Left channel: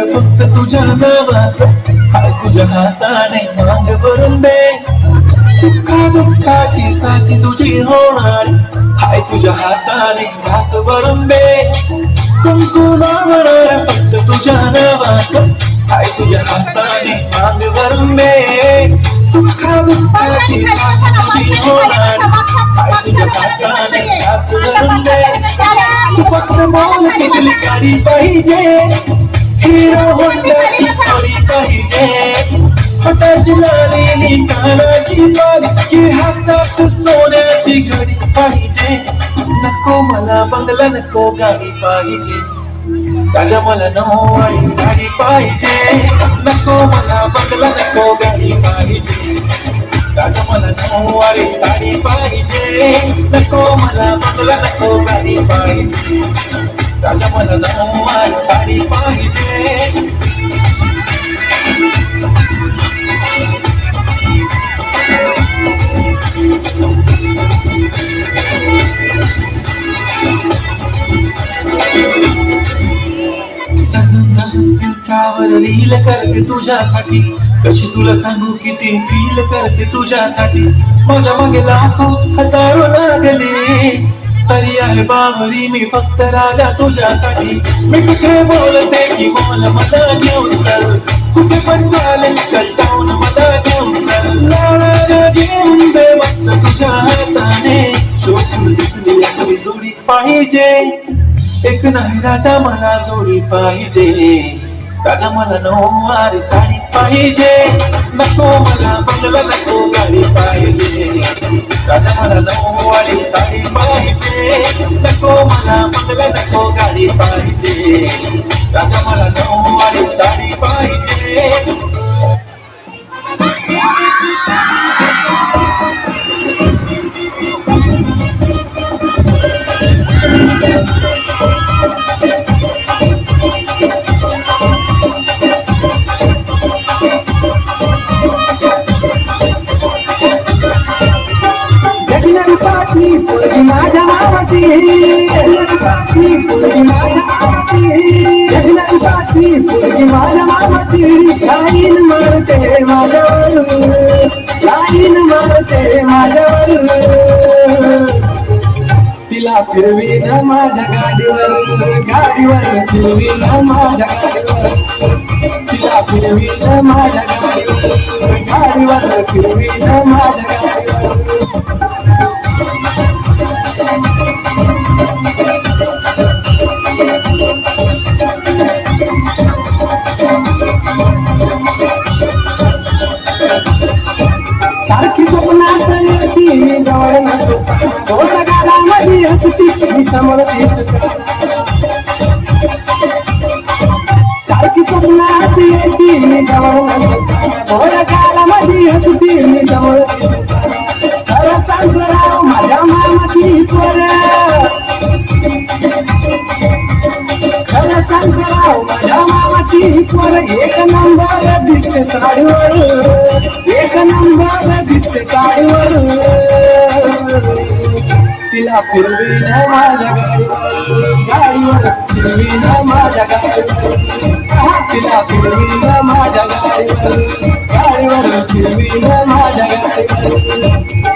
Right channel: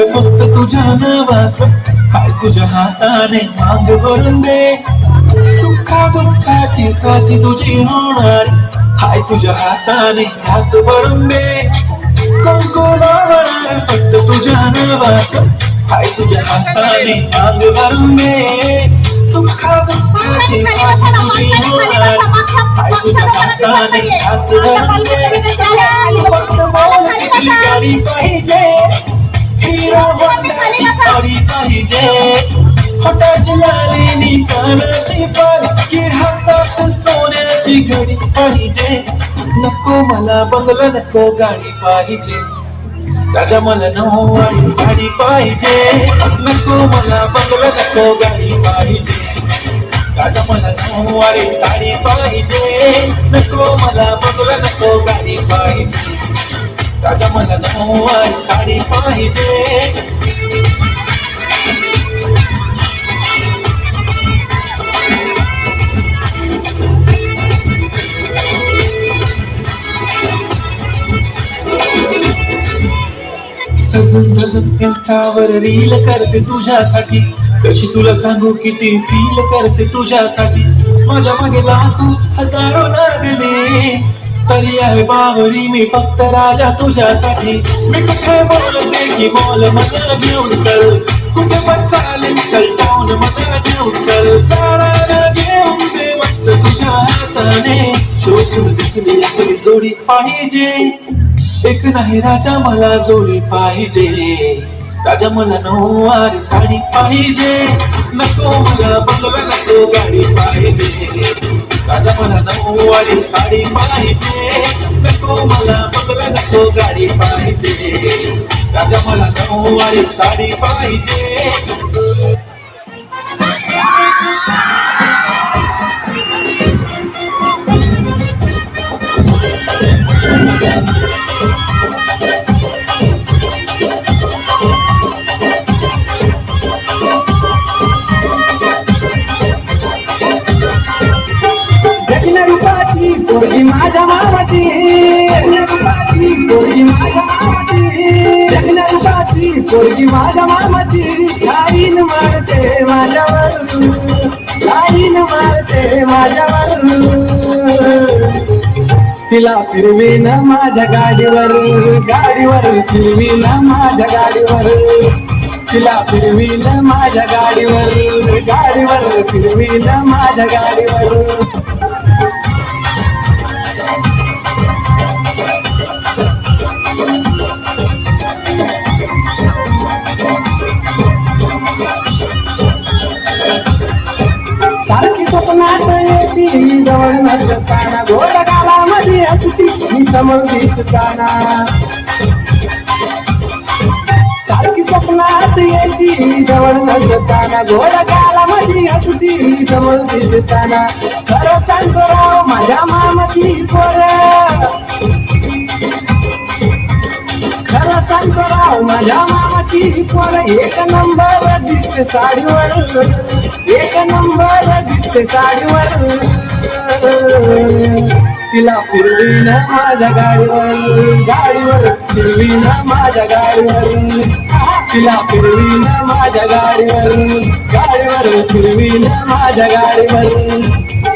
फक्त तुझ्या नावाचं. हाय तुझ्या हाताने मांग भरून दे. सुखा दुःखाची साथी तुझी होणार. हाय तुझ्या हाताने घास भरून दे. कुंकुमावर फक्त तुझ्या नावाचं. हाय तुझ्या हाताने मांग भरून दे. सुखा दुःखाची साथी तुझी होणार. हाय तुझ्या हाताने घास भरून दे. तू फक्त बोल किती गाडी पाहिजे. हिरो होंडाची गाडी पाहिजे फटाची लाली कानाची बारीची हातात सोन्याची घडी पाहिजे नको मला बंगला नको गाडी पाहिजे राजा मला नऊवारी साडी पाहिजे नको मला बंगला नको गाडी पाहिजे राजा मला नऊवारी साडी पाहिजे नको मला बंगला नको गाडी पाहिजे राजा मला नऊवारी साडी पाहिजे. इंस्टावर रील करते तुझ्यासाठी. कशी तुला सांगू किती फील करते तुझ्यासाठी. माझ्या मागे लाखो हजारो लागले आहे बावरी मी फक्त राजा तुझ्यासाठी. मी कुठे बोलते की मला मता घेऊन चल. कुठे पण चालेल चल जाऊन मता घेऊन चल. ला घेऊन दे मस्त तुझ्या हाताने. शोधून दिसली आपली जोडी पाहिजे. एक नाही राजा मला जोडी पाहिजे. राजा मला नऊवारी साडी पाहिजे. नको मला बंगला नको गाडी पाहिजे. राजा मला नऊवारी साडी पाहिजे नको मला बंगला नको गाडी पाहिजे राजा मला नऊवारी माझ्या मामाची लाईन मारते माझ्यावर लाईन मारते माझ्यावर तिला फिरवीन माझ्या गाडीवर गाडीवर फिरवीन माझ्या गाडीवर. तिला फिरवीन माझ्या गाडीवर गाडीवर फिरवीन माझ्या गाडीवर. समोर दिसताना. सारखी स्वप्नात येती जवळ नसताना गोड गावामध्ये हसती समोर दिसताना. खरं सांगतो माझ्या मामाची पोर. खरं सांगतो राव माझ्या मामाची पोर एक नंबर दिसते साडीवर. एक नंबर दिसते साडीवर. तिला फिरवीन माझ्या गाडीवर गाडीवर फिरवीन माझ्या गाडीवर. तिला फिरवीन माझ्या गाडीवर गाडीवर फिरवीन माझ्या गाडीवर.